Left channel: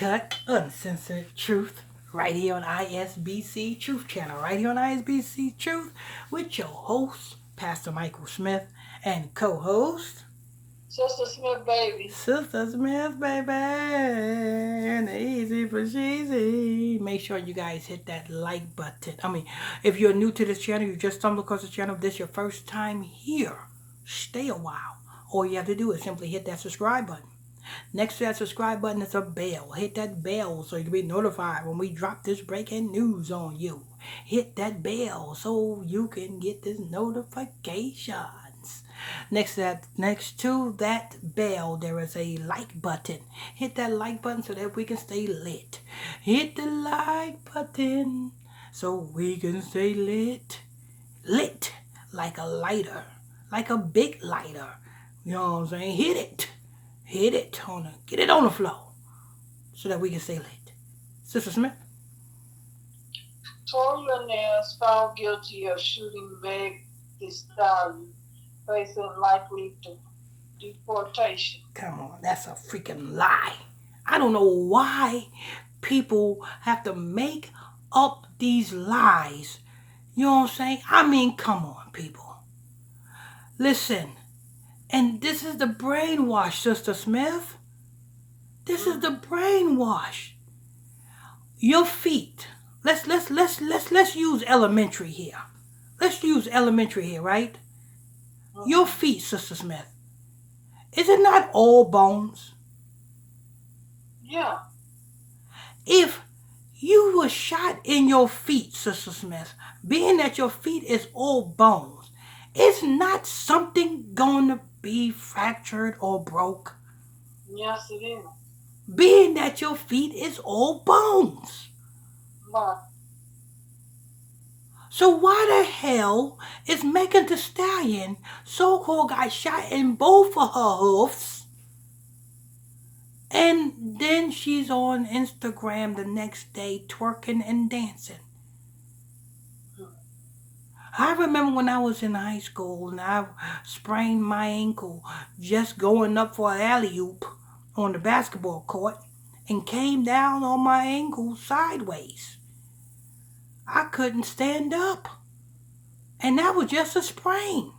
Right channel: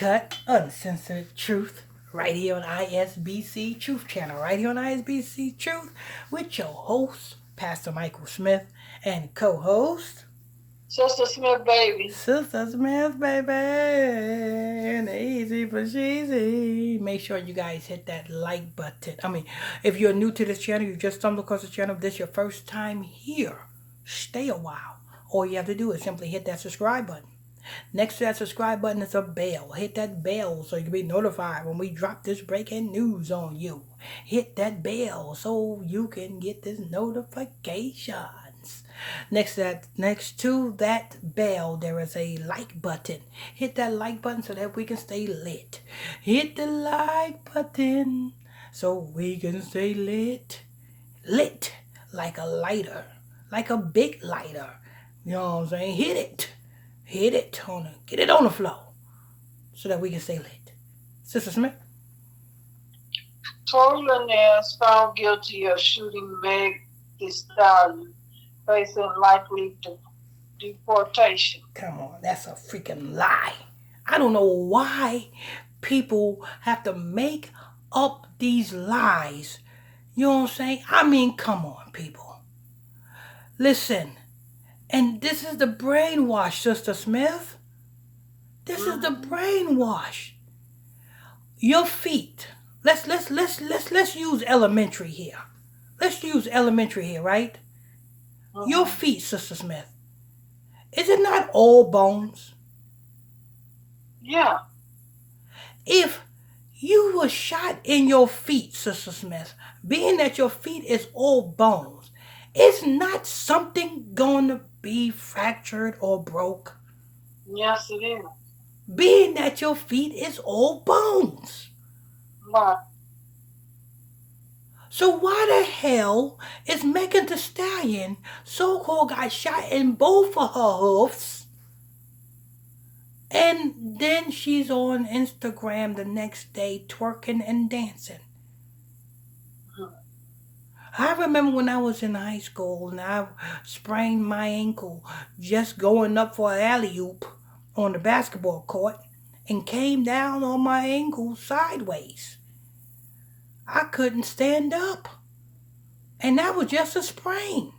uncut, uncensored truth right here on ISBC Truth Channel, right here on ISBC Truth with your host, Pastor Michael Smith, and co-host, Sister Smith, baby. Sister Smith, baby. And easy for cheesy. Make sure you guys hit that like button. If you're new to this channel, you just stumbled across the channel, this is your first time here, stay a while. All you have to do is simply hit that subscribe button. Next to that subscribe button is a bell. Hit that bell so you can be notified when we drop this breaking news on you. Hit that bell so you can get this notifications. Next to that bell, there is a like button. Hit that like button so that we can stay lit. Hit the like button so we can stay lit. Lit like a lighter, like a big lighter. You know what I'm saying? Hit it. Get it on the floor so that we can stay lit. Sister Smith? Torey LANEZ found guilty of shooting Meg Thee Stallion, facing likely deportation. Come on, that's a freaking lie. I don't know why people have to make up these lies. You know what I'm saying? Come on, people. Listen, and this is the brainwash, Sister Smith. This is the brainwash. Your feet. Let's use elementary here. Let's use elementary here, right? Your feet, Sister Smith. Is it not all bones? Yeah. If you were shot in your feet, Sister Smith, being that your feet is all bones, is not something going to be fractured or broke? Yes, it is. Being that your feet is all bones. Right. So why the hell is Megan Thee Stallion so-called got shot in both of her hoofs, and then she's on Instagram the next day twerking and dancing? I remember when I was in high school and I sprained my ankle just going up for an alley-oop on the basketball court and came down on my ankle sideways. I couldn't stand up. And that was just a sprain.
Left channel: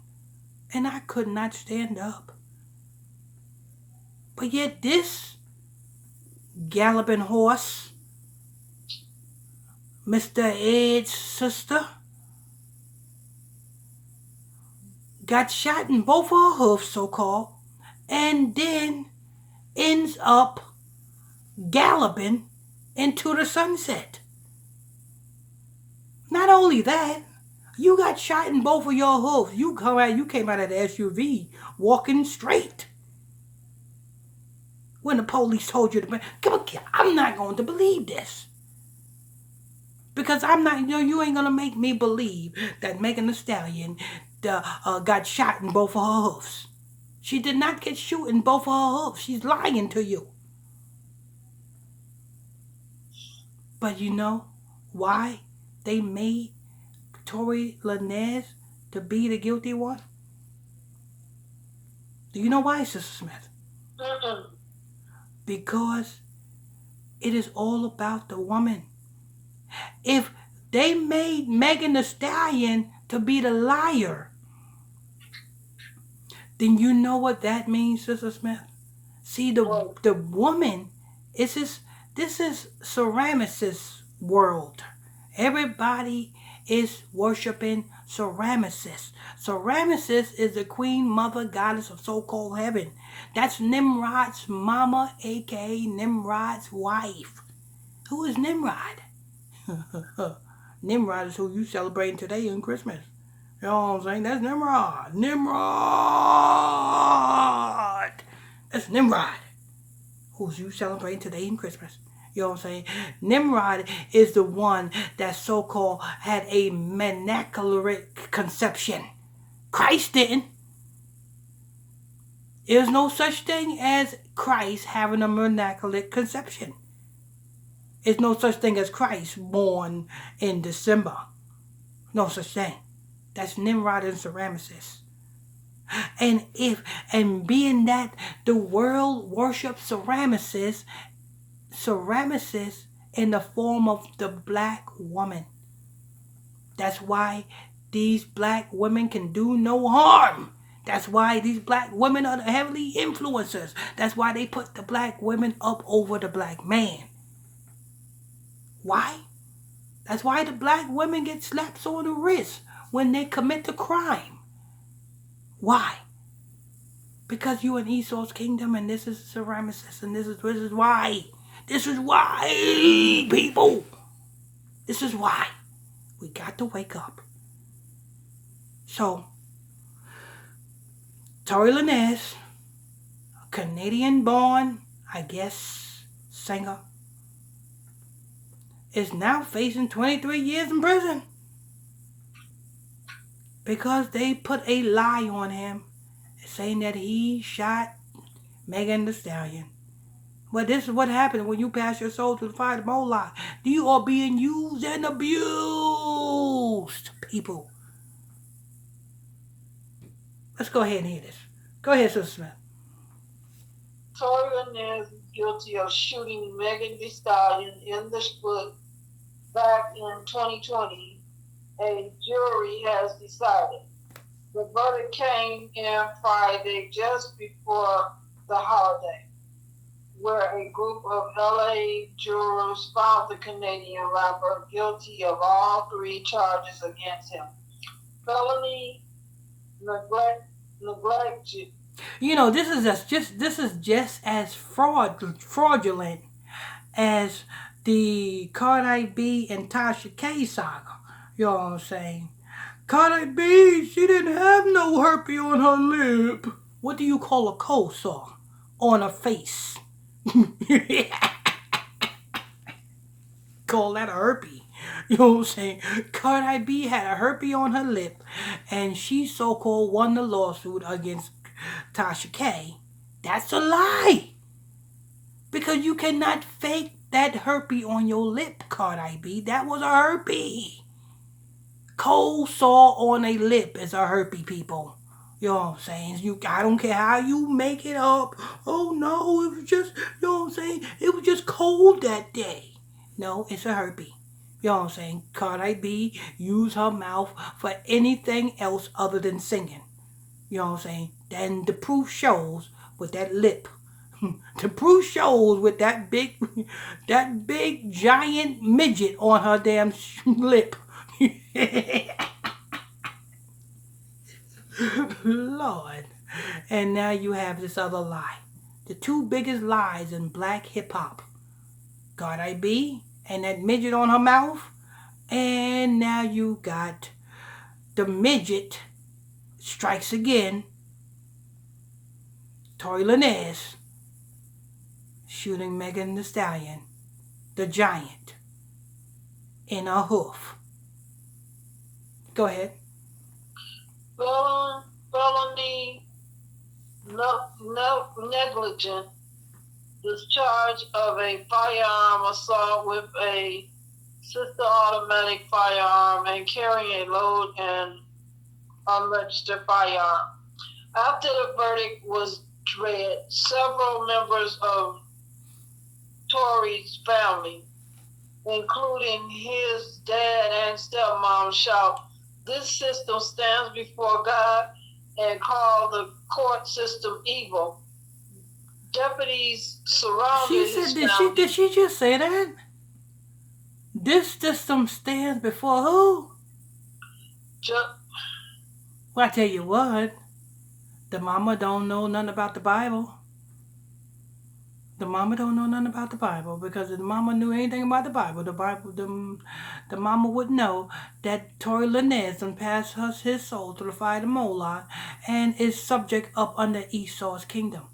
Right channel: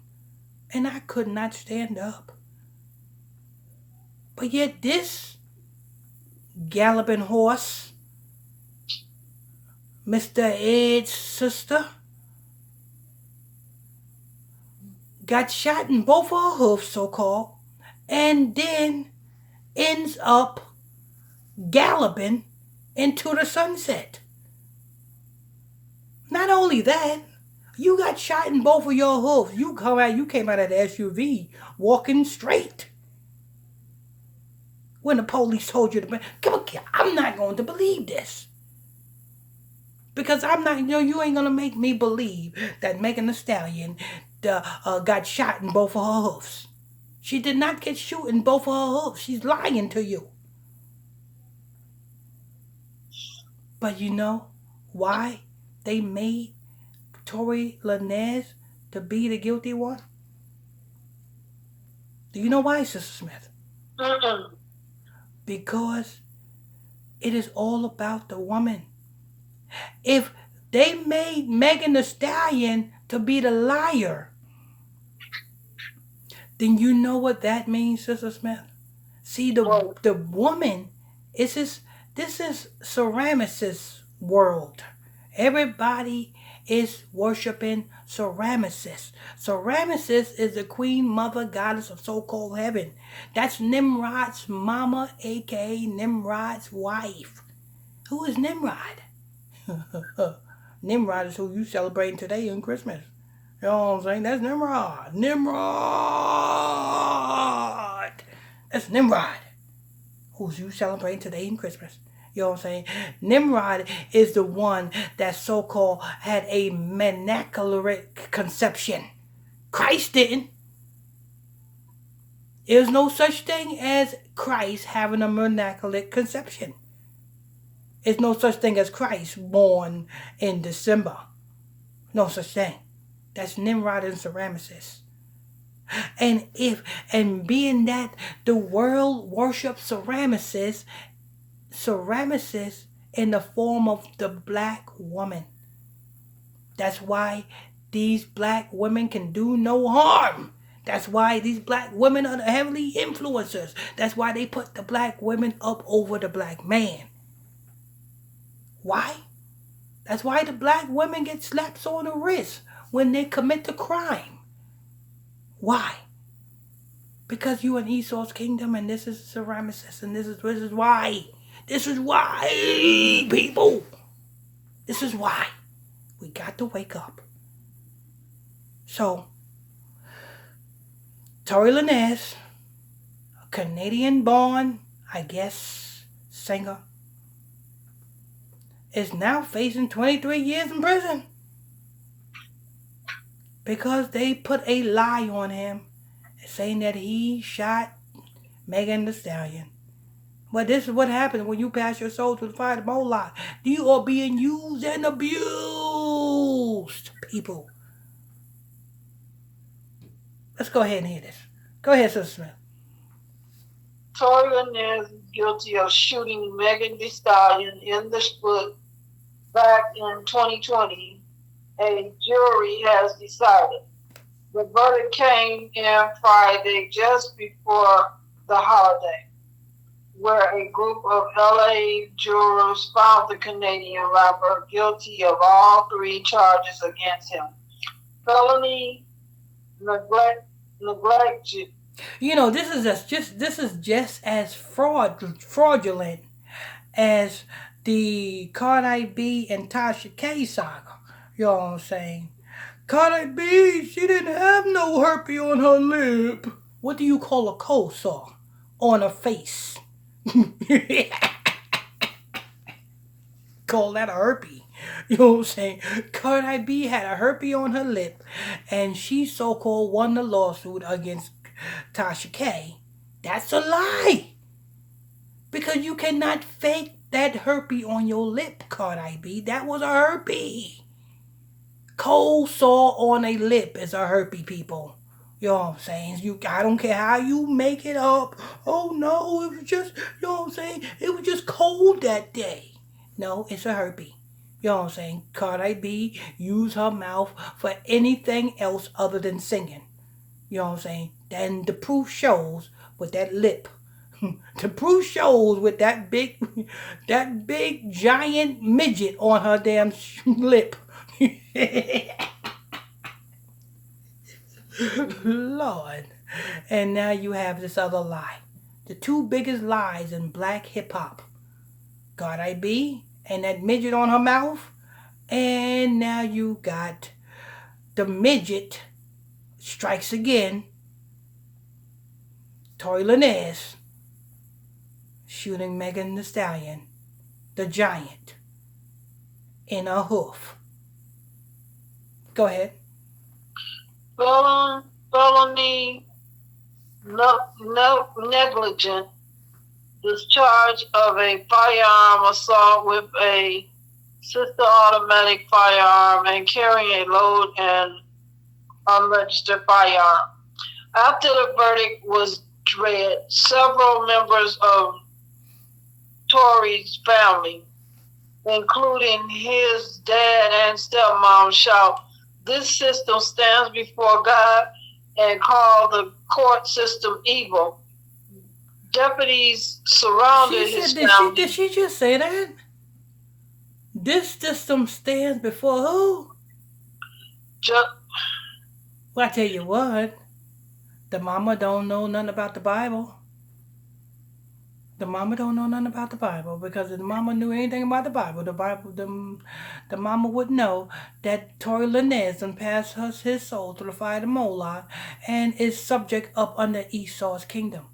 And I could not stand up. But yet this galloping horse, Mr. Ed's sister, got shot in both of her hoofs, so-called, and then ends up galloping into the sunset. Not only that, you got shot in both of your hoofs. You came out of the SUV walking straight. When the police told you to come on, I'm not going to believe this. Because you ain't going to make me believe that Megan Thee Stallion got shot in both of her hoofs. She did not get shot in both of her hoofs. She's lying to you. But you know why they made Torey LANEZ to be the guilty one? Do you know why, Sister Smith? Because it is all about the woman. If they made Megan Thee Stallion to be the liar, then you know what that means, Sister Smith? See, the woman, this is Ceramesis world. Everybody is worshiping Ceramesis. Ceramesis is the queen, mother, goddess of so-called heaven. That's Nimrod's mama, a.k.a. Nimrod's wife. Who is Nimrod? Nimrod is who you celebrating today in Christmas. You know what I'm saying? That's Nimrod. That's Nimrod. Who's you celebrating today in Christmas. You know what I'm saying? Nimrod is the one that so-called had a immaculate conception. Christ didn't. There's no such thing as Christ having a immaculate conception. There's no such thing as Christ born in December. No such thing. That's Nimrod and Ceramesis. And being that the world worships Ceramesis, Ceramicist in the form of the black woman. That's why these black women can do no harm. That's why these black women are the heavily influencers. That's why they put the black women up over the black man. Why? That's why the black women get slaps on the wrist when they commit the crime. Why? Because you in Esau's kingdom and this is Ceramicist and this is why. This is why, people. This is why. We got to wake up. So, Torey LANEZ, a Canadian-born, I guess, singer, is now facing 23 years in prison because they put a lie on him saying that he shot Megan Thee Stallion. But this is what happens when you pass your soul to the fire of Moloch. You are being used and abused, people. Let's go ahead and hear this. Go ahead, Sister Smith. Torey LANEZ is guilty of shooting Megan Thee Stallion in the foot back in 2020. A jury has decided. The verdict came in Friday just before the holiday, where a group of LA jurors found the Canadian rapper guilty of all 3 charges against him. Felony, neglect. You know, this is just as fraudulent as the Cardi B and Tasha K saga. You know what I'm saying? Cardi B, she didn't have no herpes on her lip. What do you call a cold sore on her face? Call that a herpes. You know what I'm saying? Cardi B had a herpes on her lip, and she so-called won the lawsuit against Tasha K. That's a lie. Because you cannot fake that herpes on your lip, Cardi B. That was a herpes. Cold sore on a lip is a herpes, people. You know what I'm saying? I don't care how you make it up. Oh no, it was just, you know what I'm saying? It was just cold that day. No, it's a herpes. You know what I'm saying? Cardi B used her mouth for anything else other than singing. You know what I'm saying? Then the proof shows with that lip. The proof shows with that big giant midget on her damn lip. Lord. And now you have this other lie. The 2 biggest lies in black hip-hop. Cardi B and that midget on her mouth. And now you got the midget strikes again. Torey LANEZ shooting Megan Thee Stallion, the giant, in a hoof. Go ahead. Felony, negligent discharge of a firearm assault with a sister automatic firearm and carrying a load and unregistered firearm. After the verdict was read, several members of Torey's family, including his dad and stepmom, shout, "This system stands before God," and call the court system evil. Deputies surrounded his family. Did she just say that? This system stands before who? Well, I tell you what, the mama don't know nothing about the Bible. The mama don't know nothing about the Bible, because if the mama knew anything about the Bible, the mama would know that Torey LANEZ done passed his soul through the fire of Moloch and is subject up under Esau's kingdom.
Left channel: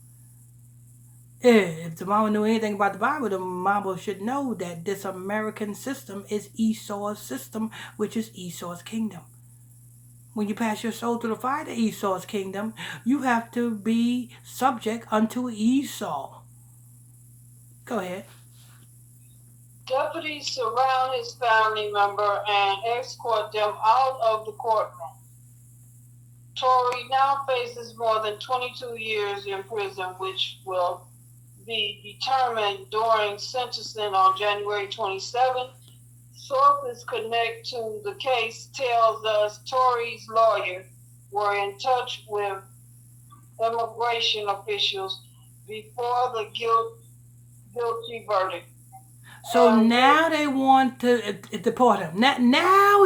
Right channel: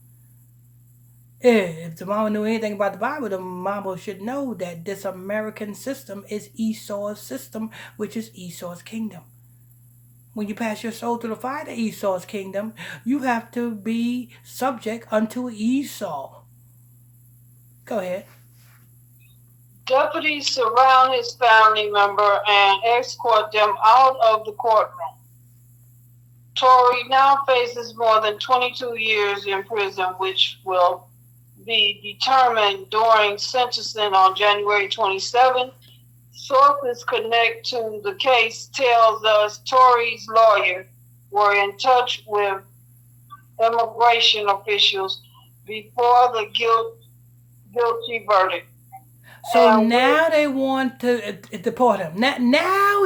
If the mama knew anything about the Bible, the mama should know that this American system is Esau's system, which is Esau's kingdom. When you pass your soul through the fire to Esau's kingdom, you have to be subject unto Esau. Go ahead. Deputies surround his family member and escort them out of the courtroom. Torey now faces more than 22 years in prison, which will be determined during sentencing on January 27. Sources connect to the case tells us Torey's lawyer were in touch with immigration officials before the guilty verdict. So now they want to deport him. Now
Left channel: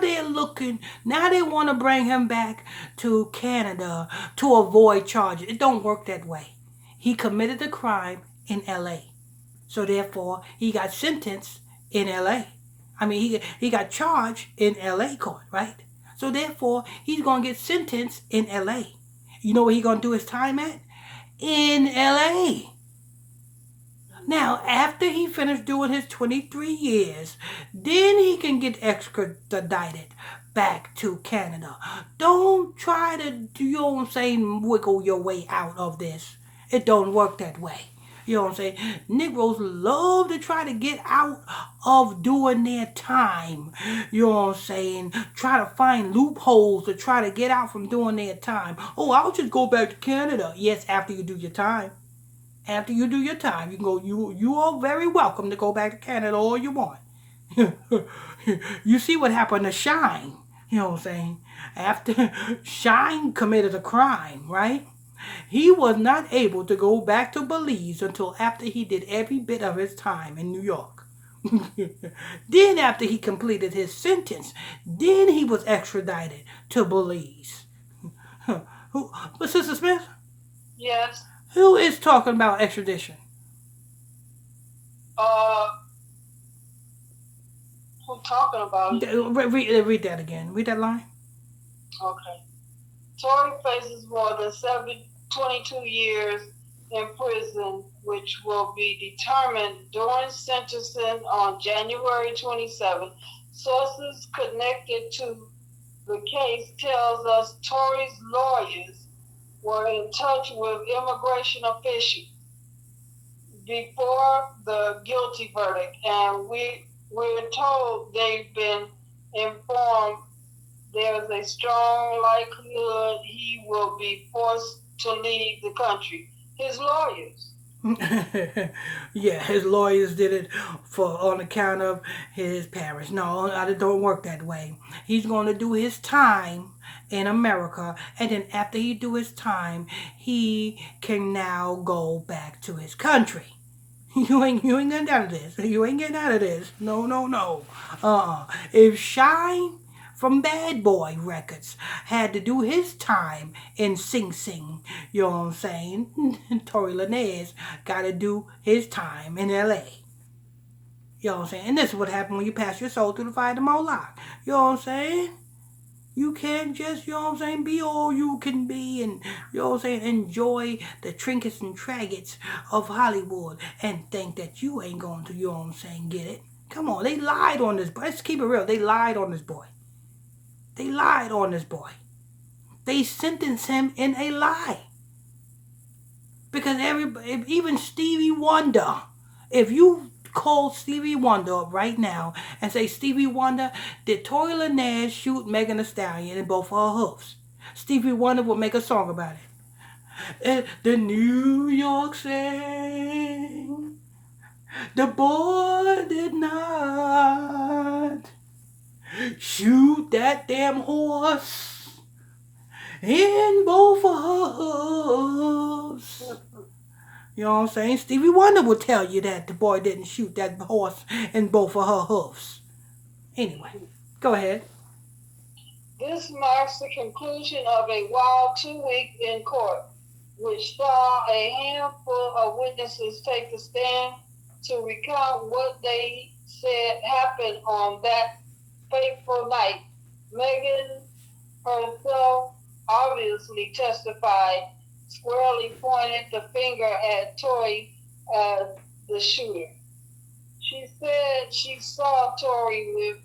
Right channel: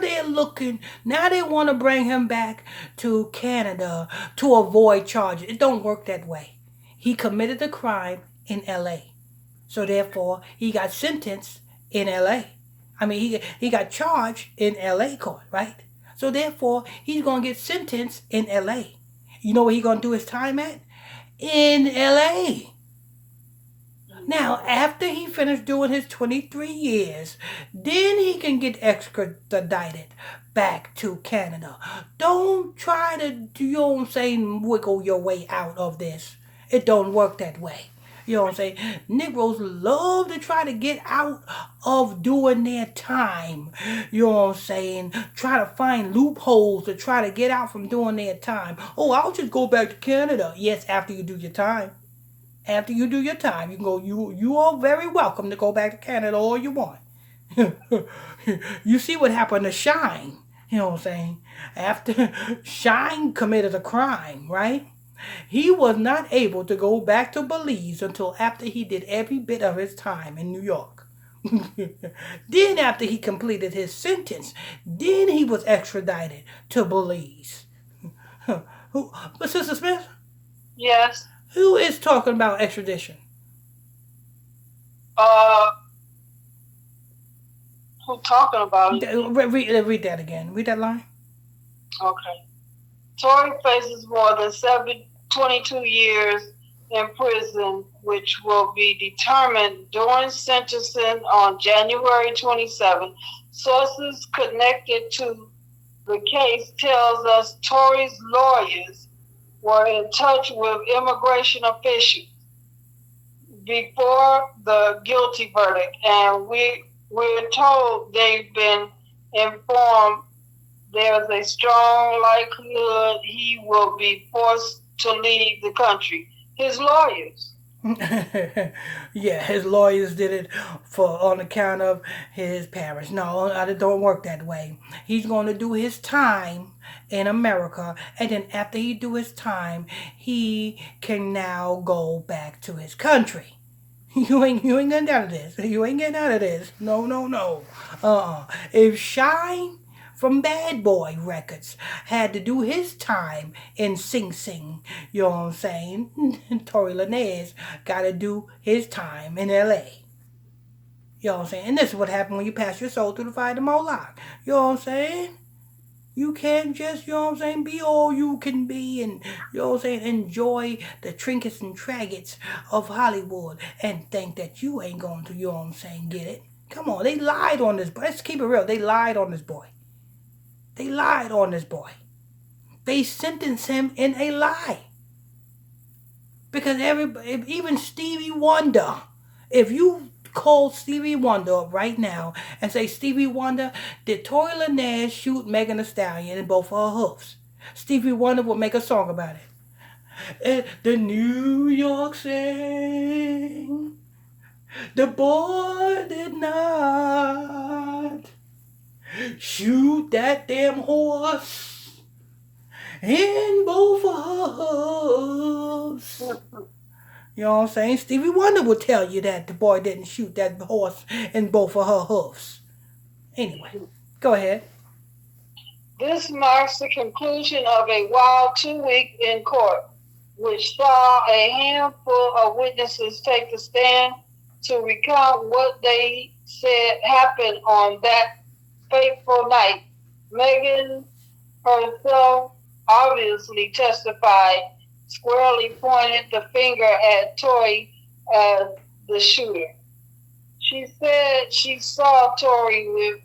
they're looking. Now they want to bring him back to Canada to avoid charges. It don't work that way. He committed the crime in L.A. So therefore, he got sentenced in L.A. I mean, he got charged in L.A. court, right? So therefore, he's gonna get sentenced in L.A. You know where he's gonna do his time at? In L.A. Now, after he finished doing his 23 years, then he can get extradited back to Canada. Don't try to, you know what I'm saying, wiggle your way out of this. It don't work that way. You know what I'm saying? Negroes love to try to get out of doing their time. You know what I'm saying? Try to find loopholes to try to get out from doing their time. Oh, I'll just go back to Canada. Yes, after you do your time. After you do your time, you can go. You are very welcome to go back to Canada all you want. You see what happened to Shine. You know what I'm saying? After Shine committed a crime, right? He was not able to go back to Belize until after he did every bit of his time in New York. Then after he completed his sentence, then he was extradited to Belize. But Sister Smith? Yes. Who is talking about extradition? Who talking about it? Read that again. Read that line. Okay. Torey faces more than 22 years in prison, which will be determined during sentencing on January 27. Sources connected to the case tells us Torey's lawyers were in touch with immigration officials before the guilty verdict, and we're told they've been informed there's a strong likelihood he will be forced to leave the country. His lawyers. Yeah, his lawyers did it on account of his parents. No, it don't work that way. He's going to do his time in America, and then after he do his time, he can now go back to his country. You ain't getting out of this. You ain't getting out of this. No. If Shine from Bad Boy Records had to do his time in Sing Sing, you know what I'm saying? Torey LANEZ got to do his time in L.A. You know what I'm saying? And this is what happened when you pass your soul through the fire to Moloch. You know what I'm saying? You can't just, you know what I'm saying, be all you can be and, you know what I'm saying, enjoy the trinkets and tragets of Hollywood and think that you ain't going to, you know what I'm saying, get it. Come on, they lied on this boy. Let's keep it real. They lied on this boy. They lied on this boy. They sentenced him in a lie. Because even Stevie Wonder, if you call Stevie Wonder up right now and say, Stevie Wonder, did Torey LANEZ shoot Megan Thee Stallion in both of her hoofs? Stevie Wonder will make a song about it. The New York sang, the boy did not shoot that damn horse in both of her hoofs. You know what I'm saying? Stevie Wonder will tell you that the boy didn't shoot that horse in both of her hoofs. Anyway, go ahead. This marks the conclusion of a wild 2 week in court, which saw a handful of witnesses take the stand to recount what they said happened on that fateful night. Megan herself obviously testified, squarely pointed the finger at Torey as the shooter. She said she saw Torey with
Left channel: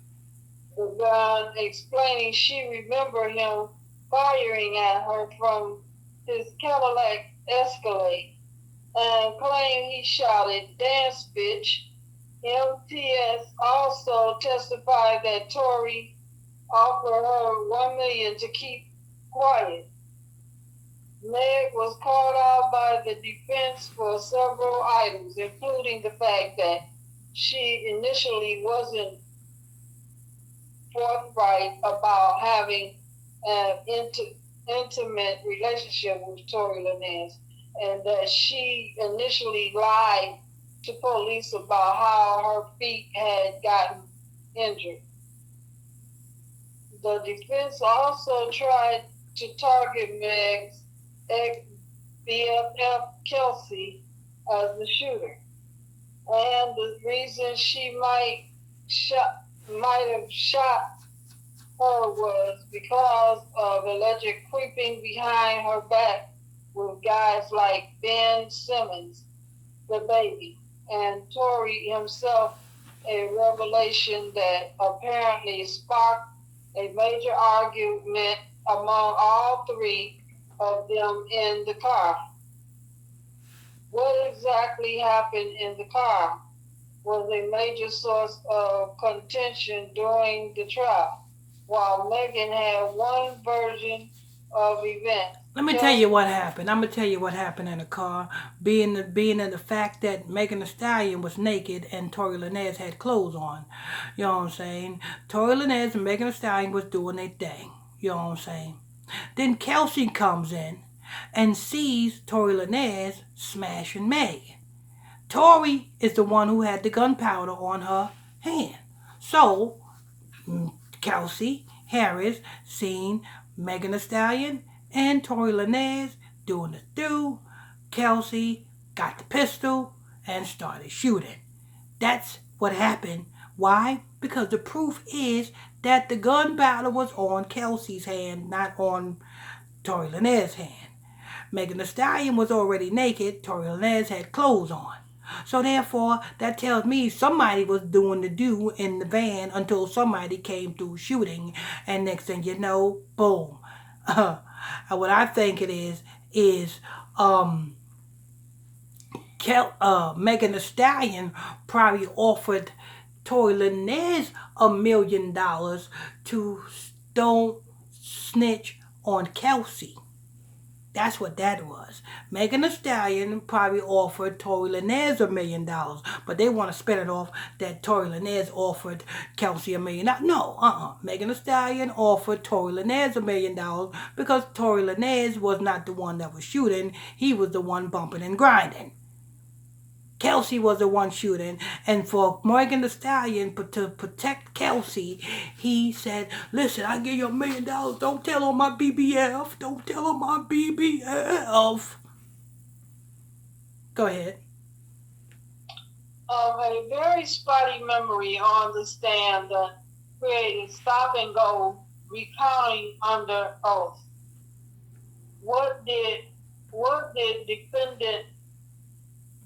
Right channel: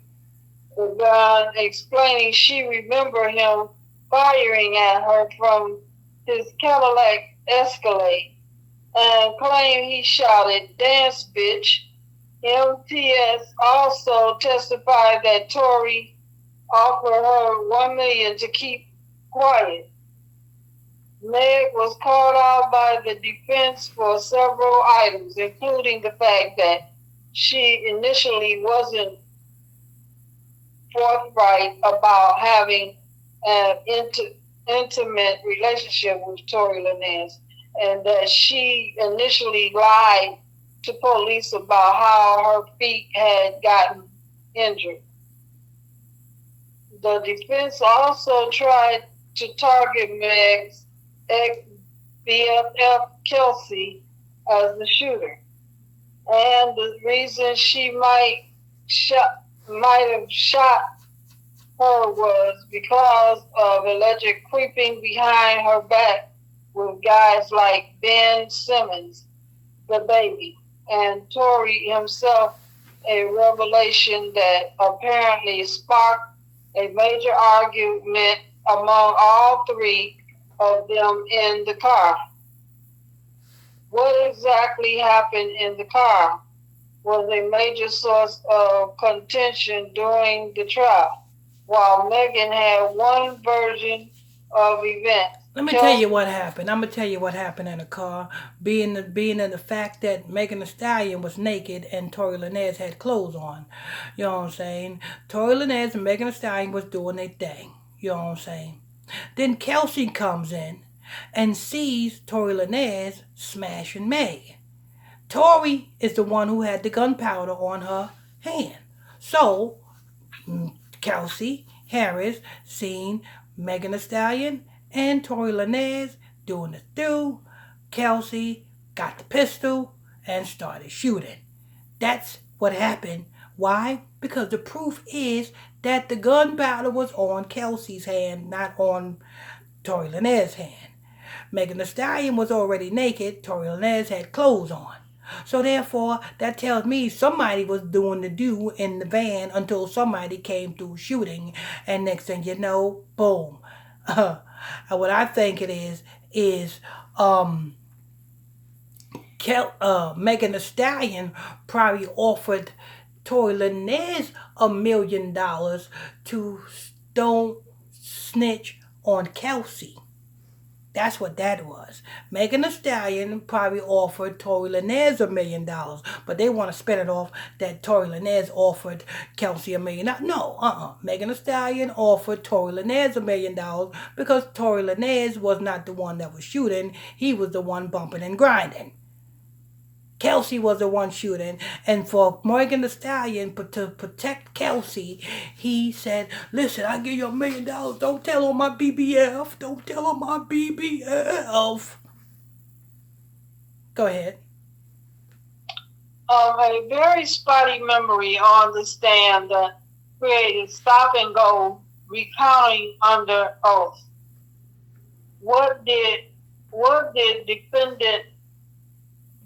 the gun, explaining she remembered him firing at her from his Cadillac Escalade, and claimed he shouted, "Dance, bitch." MTS also testified that Torey offered her $1 million to keep quiet. Meg was called out by the defense for several items, including the fact that she initially wasn't forthright about having an intimate relationship with Torey LANEZ, and that she initially lied to police about how her feet had gotten injured. The defense also tried to target Meg's ex BFF Kelsey as the shooter, and the reason she might have shot her was because of alleged creeping behind her back with guys like Ben Simmons, the baby, and Torey himself, a revelation that apparently sparked a major argument among all three of them in the car. What exactly happened in the car was a major source of contention during the trial. While Megan had one version of events, Let me tell you what happened. I'm gonna tell you what happened in the car. Being in the fact that Megan Thee Stallion was naked and Torey LANEZ had clothes on. You know what I'm saying? Torey LANEZ and Megan Thee Stallion was doing their thing. You know what I'm saying? Then Kelsey comes in and sees Torey LANEZ smashing Meg. Torey is the one who had the gunpowder on her hand. So Kelsey Harris seen Megan Thee Stallion and Torey LANEZ doing the do. Kelsey got the pistol and started shooting. That's what happened. Why? Because the proof is that the gunpowder was on Kelsey's hand, not on Torey LANEZ's hand. Megan Thee Stallion was already naked. Torey LANEZ had clothes on. So therefore, that tells me somebody was doing the do in the van until somebody came through shooting, and next thing you know, boom. What I think it is um, Megan Thee Stallion probably offered Torey LANEZ $1 million to don't snitch on Kelsey. That's what that was. Megan Thee Stallion probably offered Torey LANEZ $1 million, but they want to spin it off that Torey LANEZ offered Kelsey $1 million. No, Megan Thee Stallion offered Torey LANEZ $1 million because Torey LANEZ was not the one that was shooting. He was the one bumping and grinding. Kelsey was the one shooting, and for Megan Thee Stallion to protect Kelsey, he said, "Listen, I give you $1 million. Don't tell on my BBF. Don't tell on my BBF." Go ahead. A very spotty memory on the stand that created stop and go recounting under oath. What did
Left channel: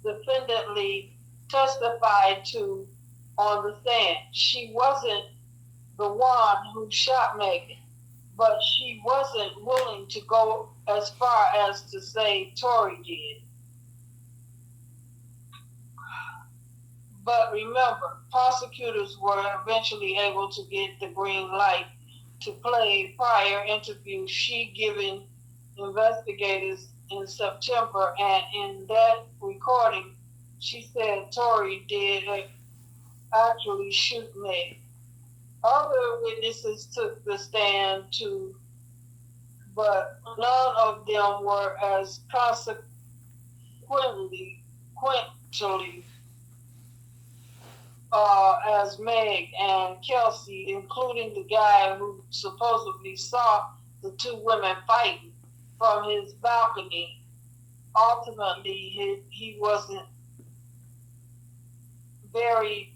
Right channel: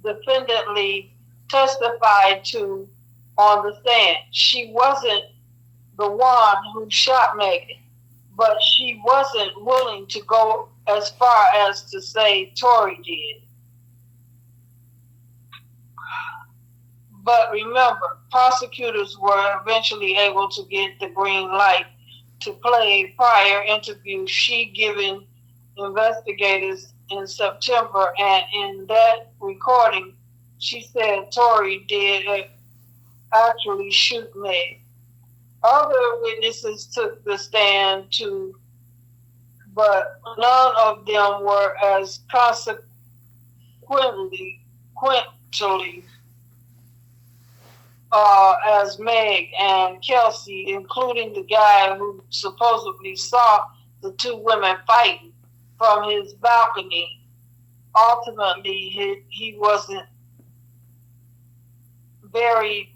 defendantly testified to on the stand? She wasn't the one who shot Megan, but she wasn't willing to go as far as to say Torey did. But remember, prosecutors were eventually able to get the green light to play a prior interview she given investigators in September, and in that recording, she said Torey did actually shoot Meg. Other witnesses took the stand too, but none of them were as consequently as Meg and Kelsey, including the guy who supposedly saw the two women fighting from his balcony. Ultimately, he wasn't very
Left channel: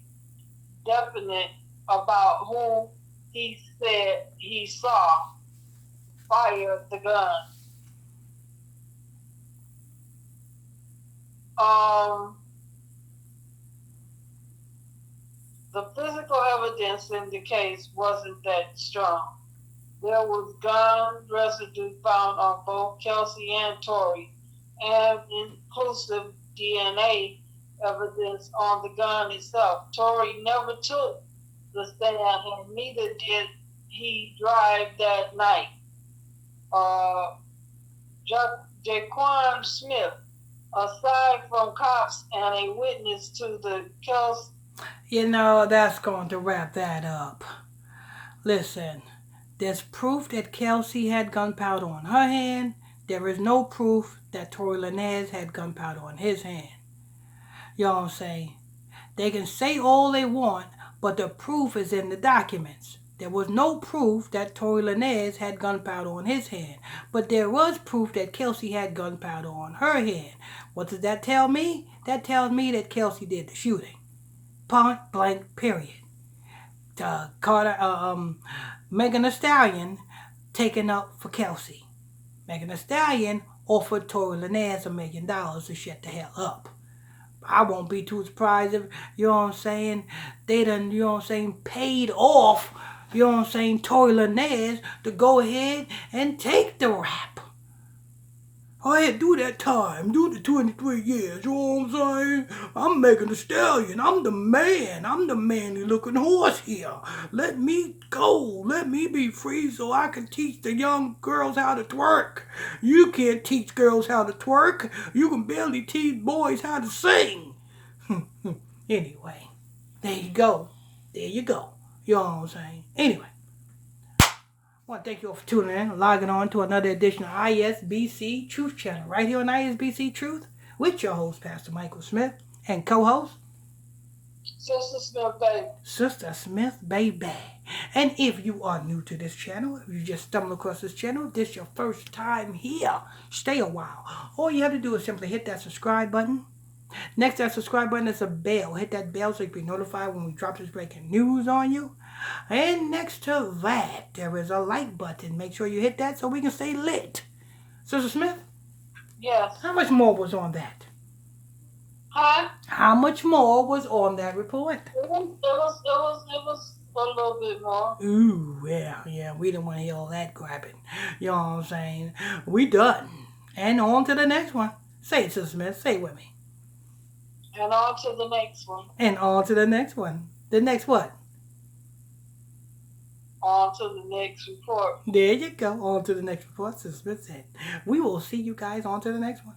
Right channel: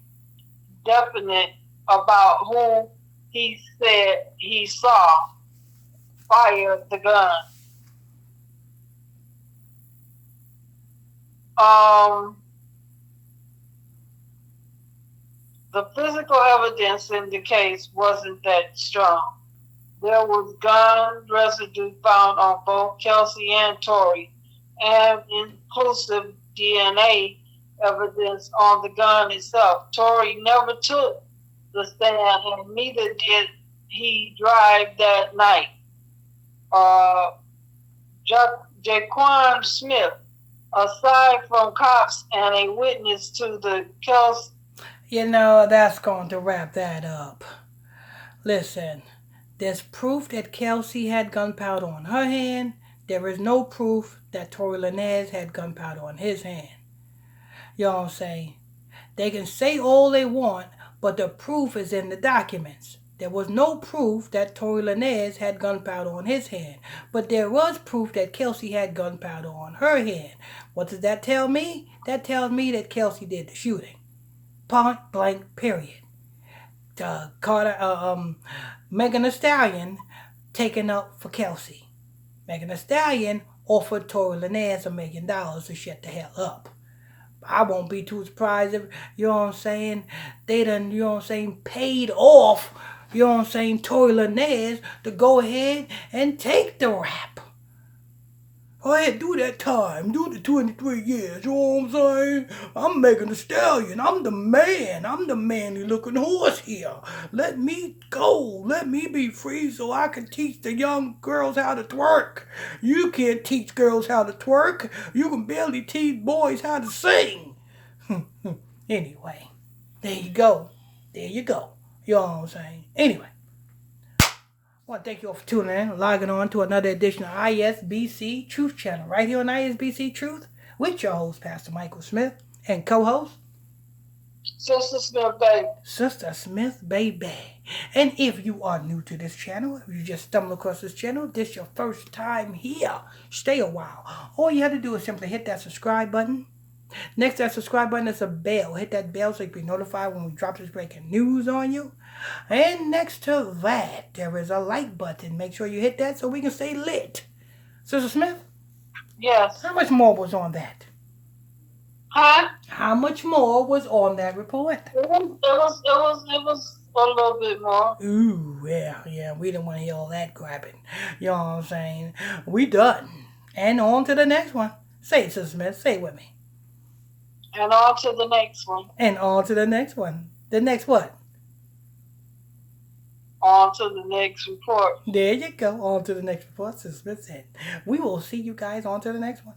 definite about who he said he saw fire the gun. The physical evidence in the case wasn't that strong. There was gun residue found on both Kelsey and Torey, and inclusive DNA evidence on the gun itself. Torey never took the stand, and neither did he drive that night. Jaquan Smith, aside from cops and a witness to the Kelsey. You know, that's going to wrap that up. Listen, there's proof that Kelsey had gunpowder on her hand. There is no proof that Torey LANEZ had gunpowder on his hand. You know what I'm saying? They can say all they want, but the proof is in the documents. There was no proof that Torey LANEZ had gunpowder on his hand, but there was proof that Kelsey had gunpowder on her hand. What does that tell me? That tells me that Kelsey did the shooting. Point blank, period. Megan Thee Stallion taken up for Kelsey. Megan Thee Stallion offered Torey LANEZ $1 million to shut the hell up. I won't be too surprised if, you know what I'm saying, they done, you know what I'm saying, paid off, you know what I'm saying, Torey LANEZ to go ahead and take the rap. Go ahead, do that time, do the 23 years, you know what I'm saying? I'm Megan Thee Stallion, I'm the manly-looking horse here. Let me go, let me be free so I can teach the young girls how to twerk. You can't teach girls how to twerk, you can barely teach boys how to sing. Anyway, there you go. There you go. You know what I'm saying? Anyway, I want to thank you all for tuning in, logging on to another edition of ISBC Truth Channel, right here on ISBC Truth, with your host, Pastor Michael Smith, and co-host, Sister Smith, baby. Sister Smith, baby. And if you are new to this channel, if you just stumbled across this channel, this is your first time here, stay a while. All you have to do is simply hit that subscribe button. Next to that subscribe button is a bell. Hit that bell so you can be notified when we drop this breaking news on you. And next to that, there is a like button. Make sure you hit that so we can stay lit. Sister Smith? Yes. How much more was on that? Huh? How much more was on that report? It was a little bit more. Ooh, yeah. We didn't want to hear all that grabbing. You know what I'm saying? We done. And on to the next one. Say it, Sister Smith. Say it with me. And on to the next one. And on to the next one. The next what? On to the next report. There you go. On to the next report. Sister Smith said. We will see you guys on to the next one.